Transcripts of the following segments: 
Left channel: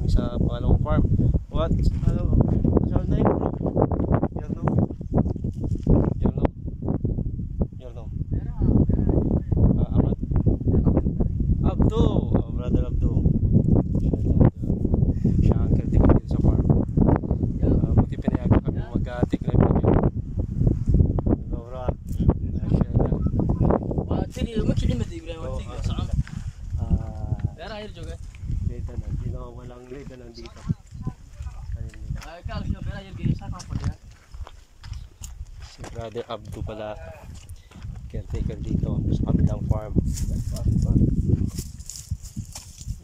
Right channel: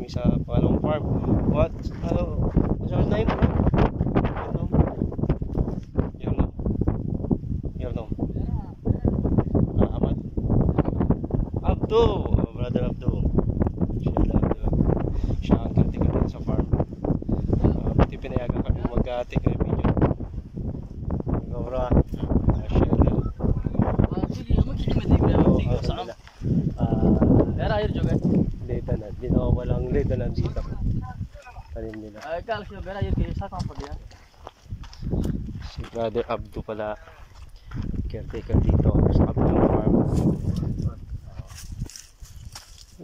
kami sa pangalawang farm. What? Ano? Saan na yun? Yun. Ahmad? Abdo! Brother Abdo. Siya ang kanting rin sa farm. Buti pinayagan kami mag-take na yung video. Nagawra. Sige, mag-sige mo din ba? Saan? Pero air juga. Leda na. Di na walang leda nandito. Kanin nila. Ay, kala siya pero air kayo sa kapag yan. Si Brother Abdo pala. Caretaker dito sa kabilang farm.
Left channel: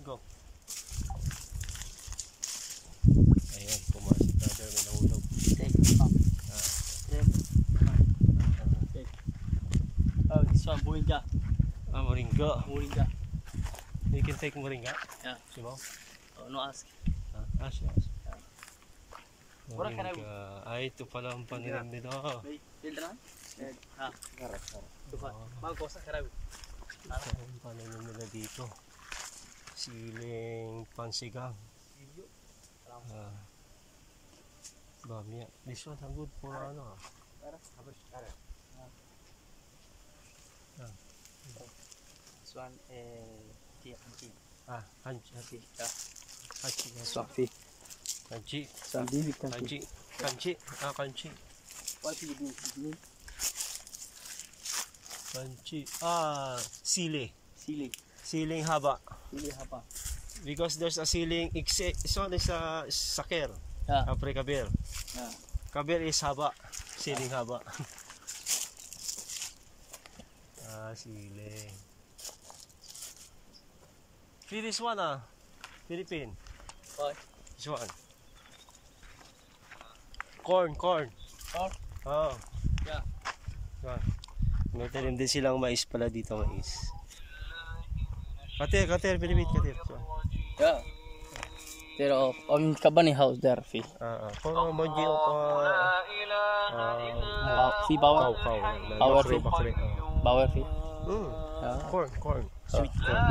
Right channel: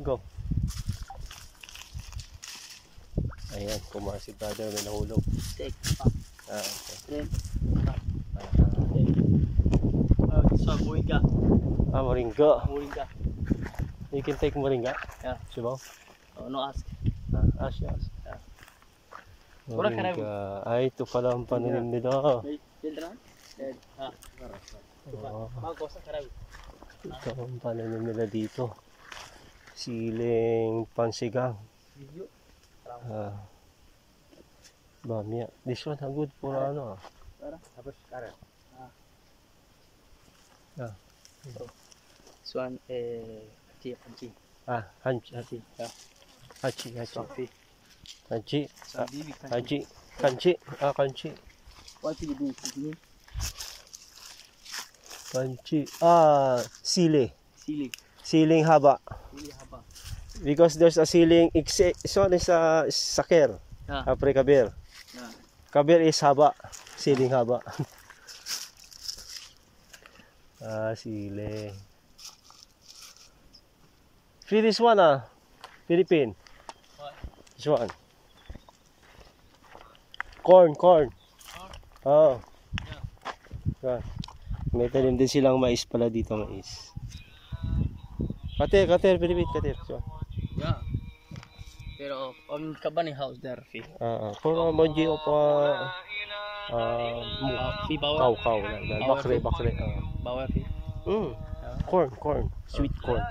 Go. Ayan, kumain si Brother na nahulog. Take up. Oh, this one moringa. Moringa. Moringa. You can take moringa. Yeah. Sibaw? Oh, no ask. Ask. Yeah. Moringa. Ay, ito pala ang pananim nila. Children? Karas. Malko sa karawi. Ito ang pananim nila dito. Siling pansigang. Bamya. This one good for ano. Yeah. This one hachi. Hachi. Kanchi. What do you do? Kanchi. Siling haba. Because there's a siling this one is a saker. Apre kabir. Kabir is haba. Siling haba. Siling. Free this one Philippine. This one. Corn. Oh. Yeah. May tanim din silang mais pala dito, mais. Kater, Philippine, kater. Yeah. Pero on kabani house there, fi. For moji o pa fi power. Kau. Bakre. Power fi. Corn. Sweet corn.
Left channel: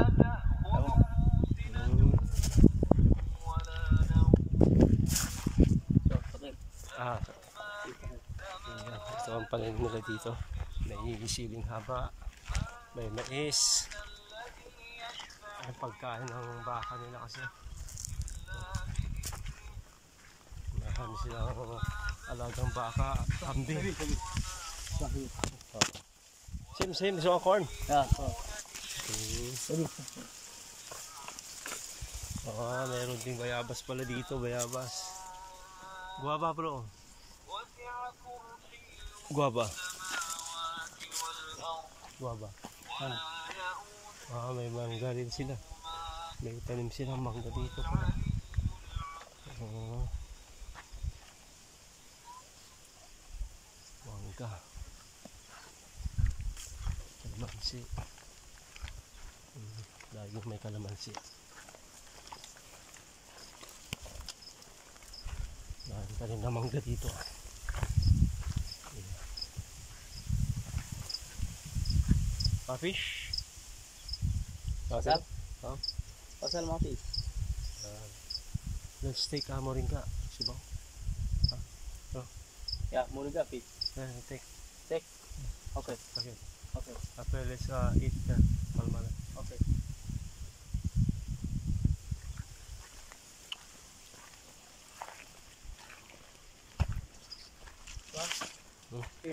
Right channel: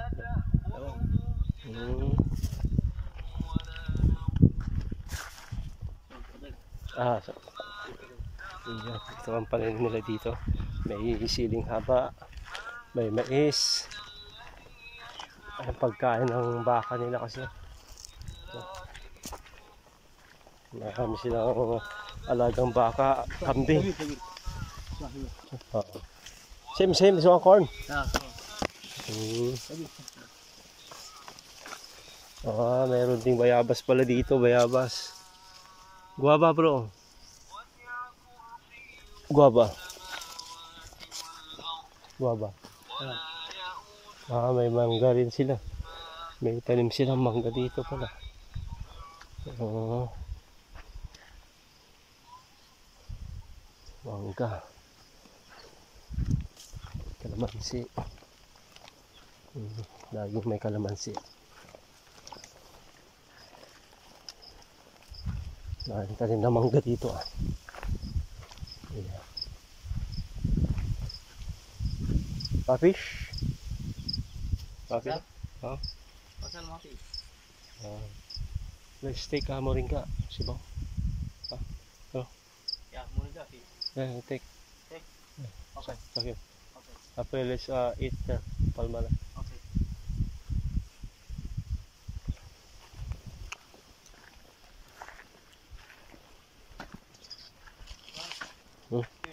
Ito ang pananim nila dito. May siling haba, may mais. Ang pagkain ng baka nila kasi. Marami silang alagang baka, kambing. Same so corn. Mayroon ding bayabas pala dito, bayabas. Guava bro. Guava. May mangga rin sila. May tanim silang mangga dito pala. Mangga. Kalamansi. Lagi may kalamansi. May tanim na mangga dito. Yeah. Fish? Okay. Pasal mo fish. Let's take moringa. Sibaw. Yeah, moringa fish. Yeah, take. Okay. After let's eat here. Palmala. Okay.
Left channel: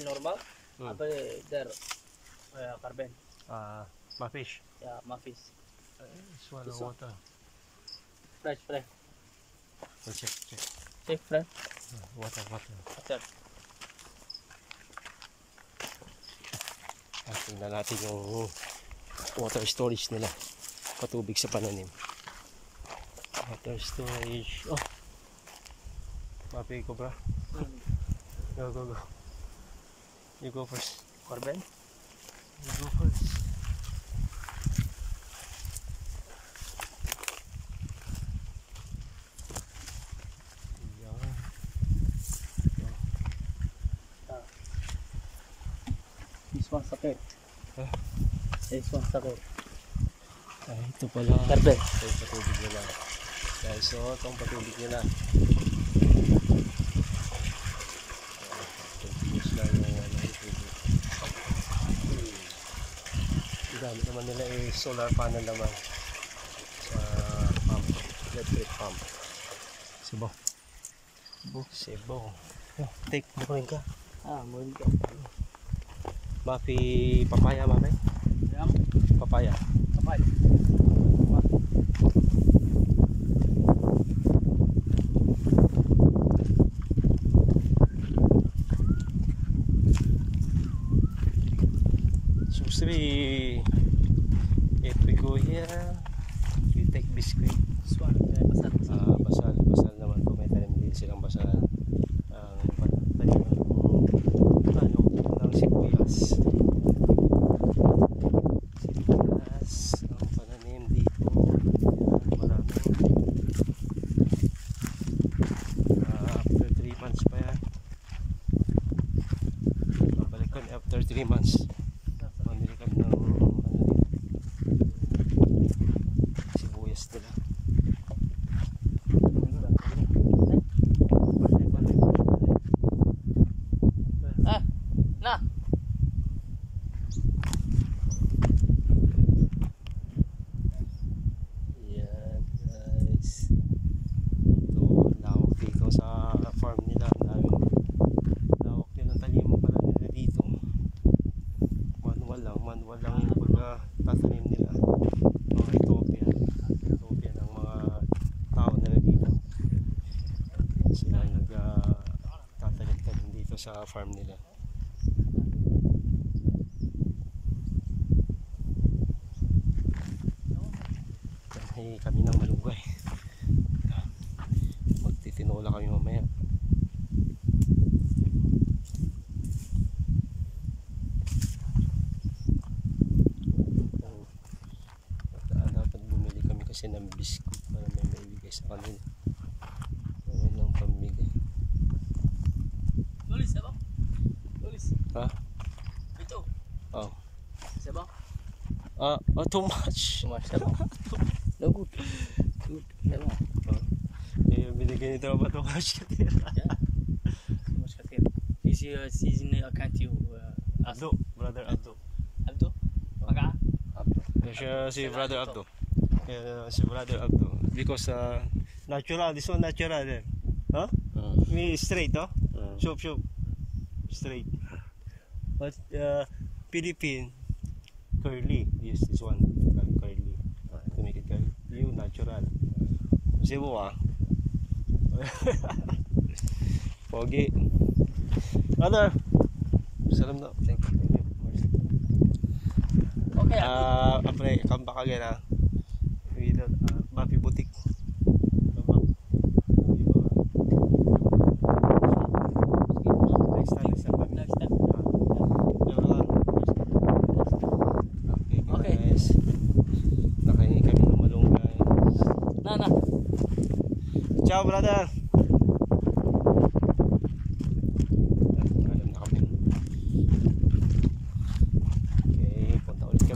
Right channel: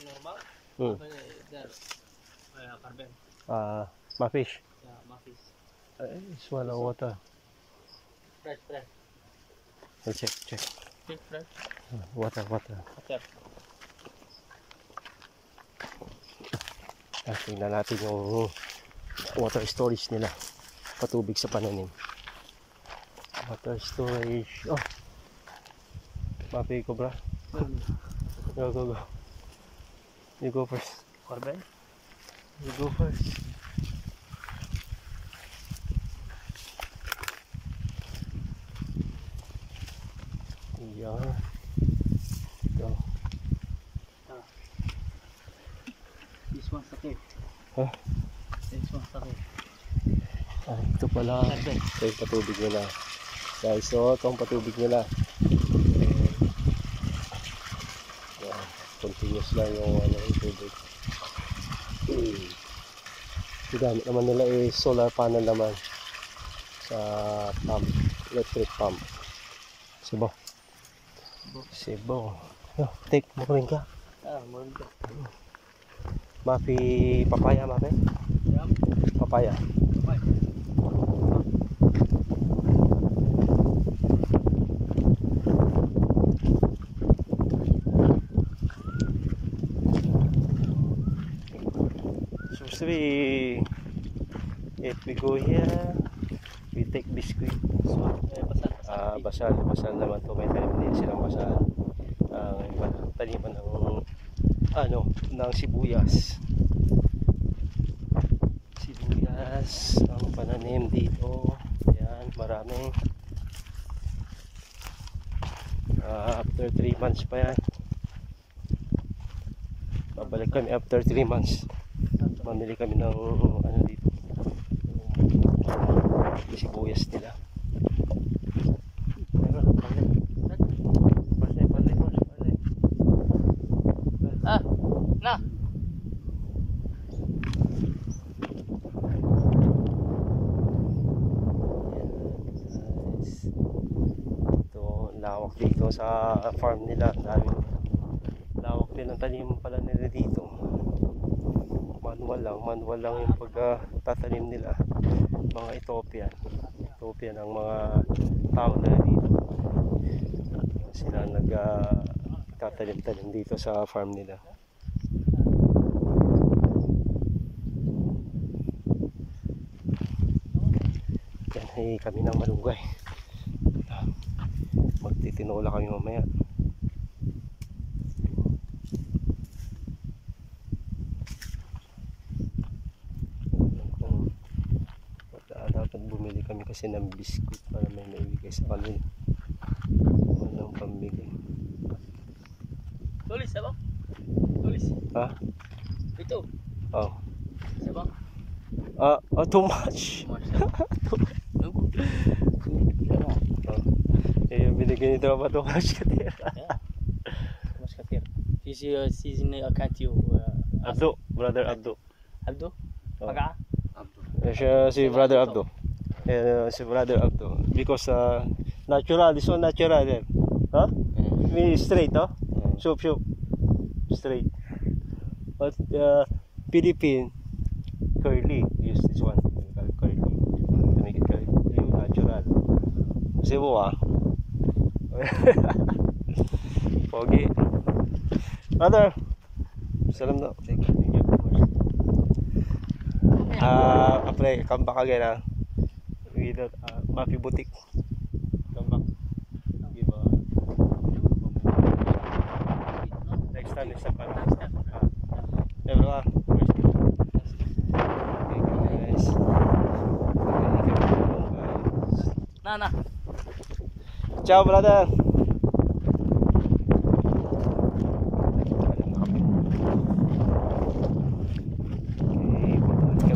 Normal? There. Carbon. My fish. Yeah, my fish. Swallow water. Fresh. Check. Check fresh. Water. Tingnan natin yung water storage nila. Patubig sa pananim. Water storage. Mapi ko bra. Go. You go first. Carbon? You go first. Yeah. This one's okay. This one's okay. Ito pala. Carbon. Ito yung patubig nila. Guys, so ito ang patubig nila. Continuous lang yung yung tubig. Gamit naman nila solar panel naman sa pump, electric pump. Sibo. Yo, take mo rin ka. Mo rin ka. Mapi papaya, mapi? Papaya. Papaya. Supposed to be, if we go here, we take biscuit. Basal naman po, may tanim din silang basal. Taniman ng sibuyas. Ang pananim dito. Ayan, marami. After 3 months pa yan. Babalik kami after 3 months. Mamili kami ng dito, sibuyas nila. Na. Guys, ito lawak dito sa farm nila. Lawak din ang taniman pala nila dito. Manual lang yung pagtatanim nila. Mga Ethiopia ng mga tao na dito. Sila nagtatanim dito sa farm nila. Yan, kami ng malunggay. Magtitinola kami mamaya. Dapat bumili kami kasi ng biskuit para may maibigay sa kanila. Walang pambigay. Tulis, sabang? Tulis. Ha? Ito. Oh. Sabang? Too much. Binigay nito ba too much katira? Too much katira. He's in account you. Abdo, brother Abdo. Abdo? Pagka? Si brother Abdo. Si brother Abdo. Because natural, this one natural. Huh? Me straight, huh? Shoop. Straight. But Philippine curly. Use this one. Curly. To make it curly. You natural. Cebu, Pogi. Brother. Salam na. Thank you. Après, come back again, with Mapi Boutique. Come back. Next time. Next time. Everyone. Okay, guys. Na. Ciao, brother.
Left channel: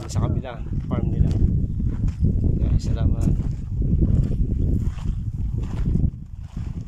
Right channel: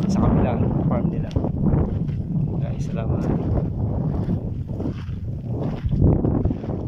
Sa kabilang farm nila. Guys, salamat.